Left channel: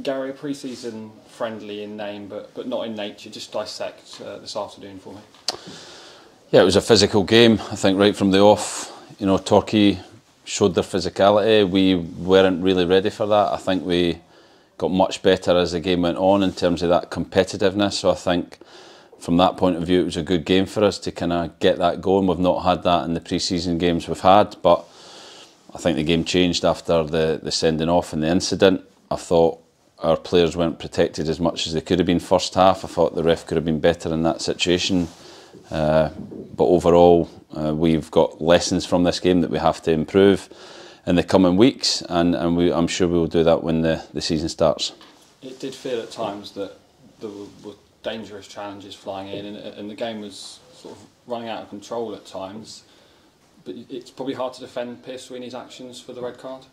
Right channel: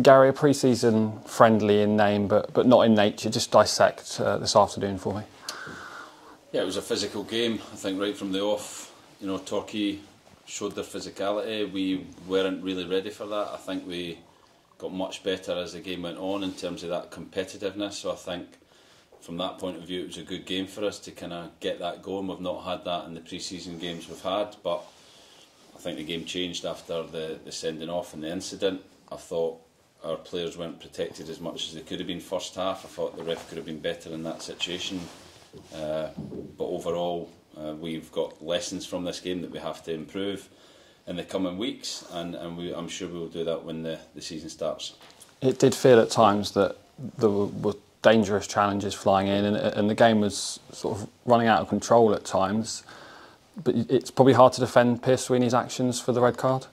Gary, a pre-season friendly in name, but not in nature. Just dissect this afternoon for me. Yeah, it was a physical game. I think right from the off, Torquay showed their physicality. We weren't really ready for that. I think we got much better as the game went on in terms of that competitiveness. So I think from that point of view, it was a good game for us to kind of get that going. We've not had that in the pre-season games we've had, but I think the game changed after the sending off and the incident. I thought our players weren't protected as much as they could have been first half. I thought the ref could have been better in that situation. But overall, we've got lessons from this game that we have to improve in the coming weeks, and I'm sure we will do that when the season starts. It did feel at times that there were dangerous challenges flying in, and the game was sort of running out of control at times. But it's probably hard to defend Pierce Sweeney's actions for the red card.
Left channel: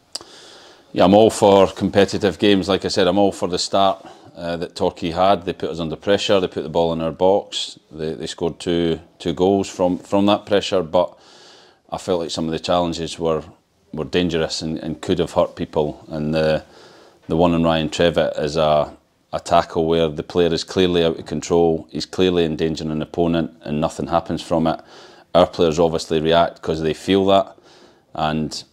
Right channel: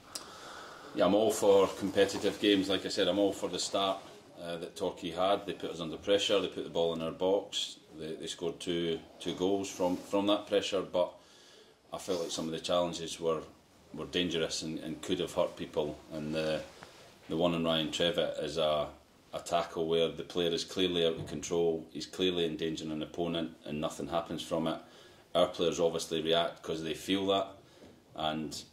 Yeah, I'm all for competitive games. Like I said, I'm all for the start that Torquay had. They put us under pressure. They put the ball in our box. They scored two goals from that pressure. But I felt like some of the challenges were dangerous and could have hurt people. And the one on Ryan Trevitt is a tackle where the player is clearly out of control. He's clearly endangering an opponent, and nothing happens from it. Our players obviously react because they feel that, and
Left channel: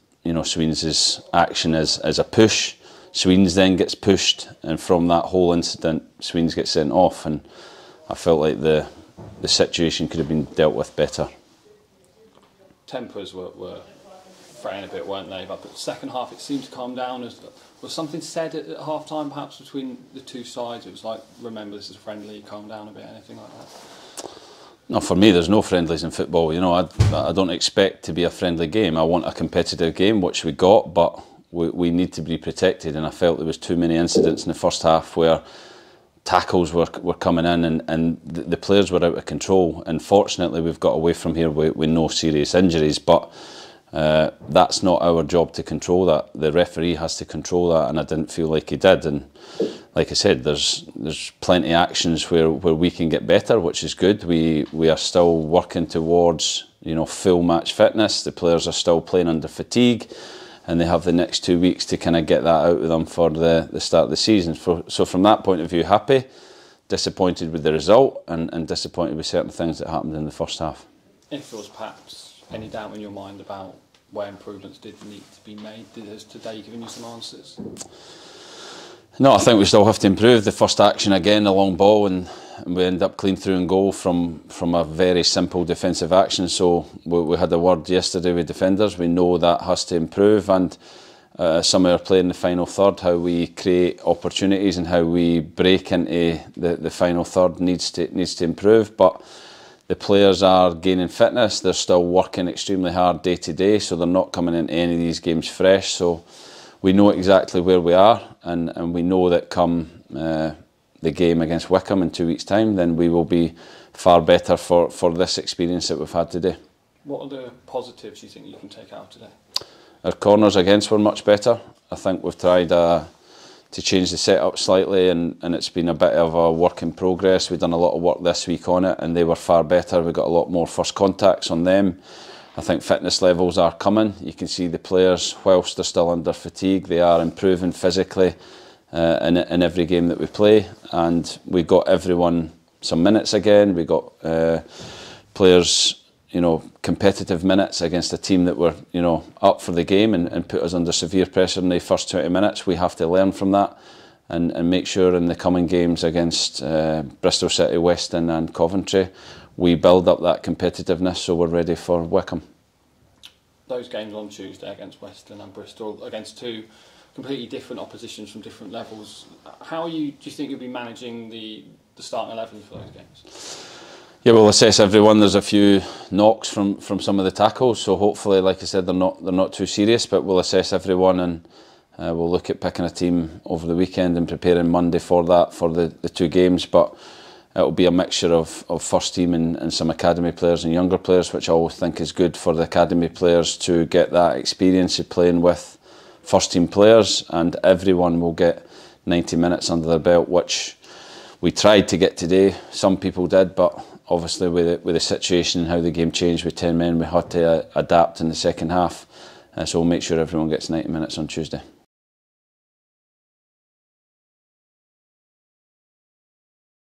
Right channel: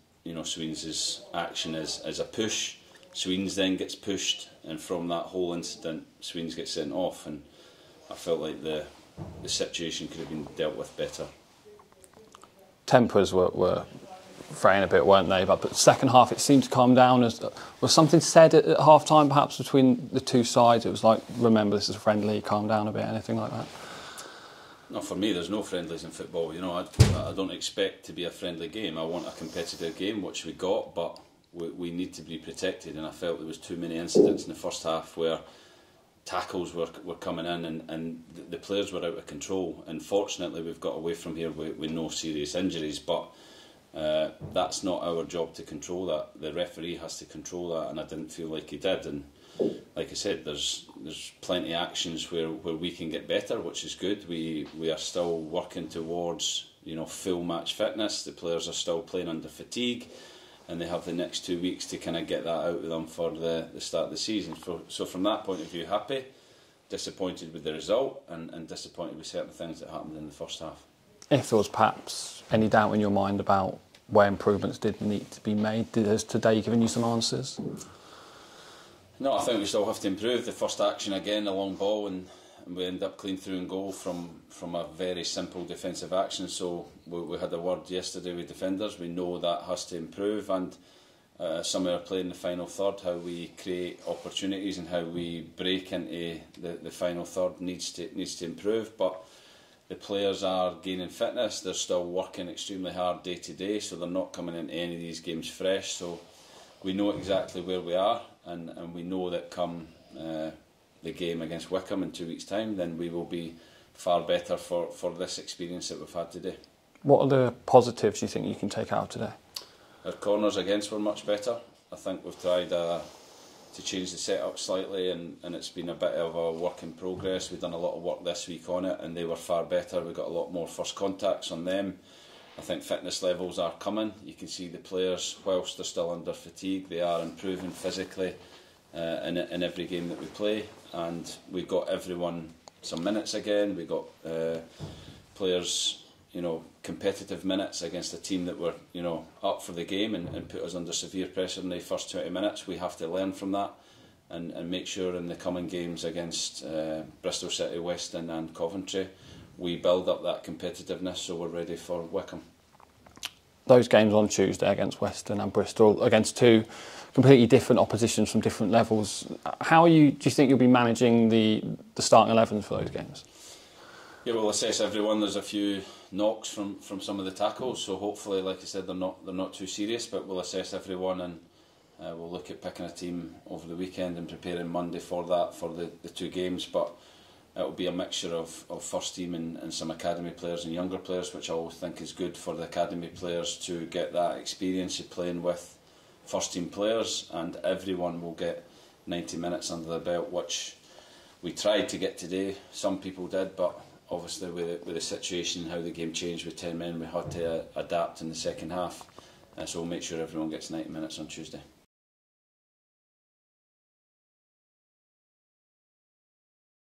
Sweens' action is a push. Sweens then gets pushed, and from that whole incident, Sweens gets sent off, and I felt like the situation could have been dealt with better. Tempers were fraying a bit, weren't they? But the second half, it seemed to calm down. Was something said at half time, perhaps between the two sides? It was like, remember, this is friendly, calm down a bit, anything like that? No, for me, there's no friendlies in football. I don't expect to be a friendly game. I want a competitive game, which we got, but we need to be protected. And I felt there was too many incidents in the first half where tackles were coming in and the players were out of control. And fortunately, we've got away from here with no serious injuries. But that's not our job to control that. The referee has to control that, and I didn't feel like he did. And like I said, there's plenty of actions where we can get better, which is good. We are still working towards full match fitness. The players are still playing under fatigue, and they have the next 2 weeks to kind of get that out of them for the start of the season. So from that point of view, happy, disappointed with the result, and disappointed with certain things that happened in the first half. If there was perhaps any doubt in your mind about where improvements did need to be made, has today given you some answers? No, I think we still have to improve. The first action again, a long ball, and we end up clean through and goal from a very simple defensive action. So we had a word yesterday with defenders. We know that has to improve, and some of our play in the final third, how we create opportunities and how we break into the final third needs to improve. But the players are gaining fitness. They're still working extremely hard day to day, so they're not coming into any of these games fresh. So we know exactly where we are, and we know that come the game against Wycombe in 2 weeks' time, then we will be far better for this experience that we've had today. What are the positives you think you can take out today? Our corners against were much better. I think we've tried to change the setup slightly, and it's been a bit of a work in progress. We've done a lot of work this week on it, and they were far better. We got a lot more first contacts on them. I think fitness levels are coming. You can see the players, whilst they're still under fatigue, they are improving physically in every game that we play. And we got everyone some minutes again. We got players, competitive minutes against a team that were, up for the game and put us under severe pressure in the first 20 minutes. We have to learn from that and make sure in the coming games against Bristol City, Weston and Coventry, we build up that competitiveness so we're ready for Wycombe. Those games on Tuesday against Weston and Bristol, against two completely different oppositions from different levels, do you think you'll be managing the starting 11s for those games? Yeah, we'll assess everyone. There's a few knocks from some of the tackles, so hopefully, like I said, they're not too serious, but we'll assess everyone, and we'll look at picking a team over the weekend and preparing Monday for that, for the two games. But it'll be a mixture of first team and some academy players and younger players, which I always think is good for the academy players to get that experience of playing with first team players, and everyone will get 90 minutes under their belt, which we tried to get today. Some people did, but obviously with the situation and how the game changed with 10 men, we had to adapt in the second half. So we'll make sure everyone gets 90 minutes on Tuesday.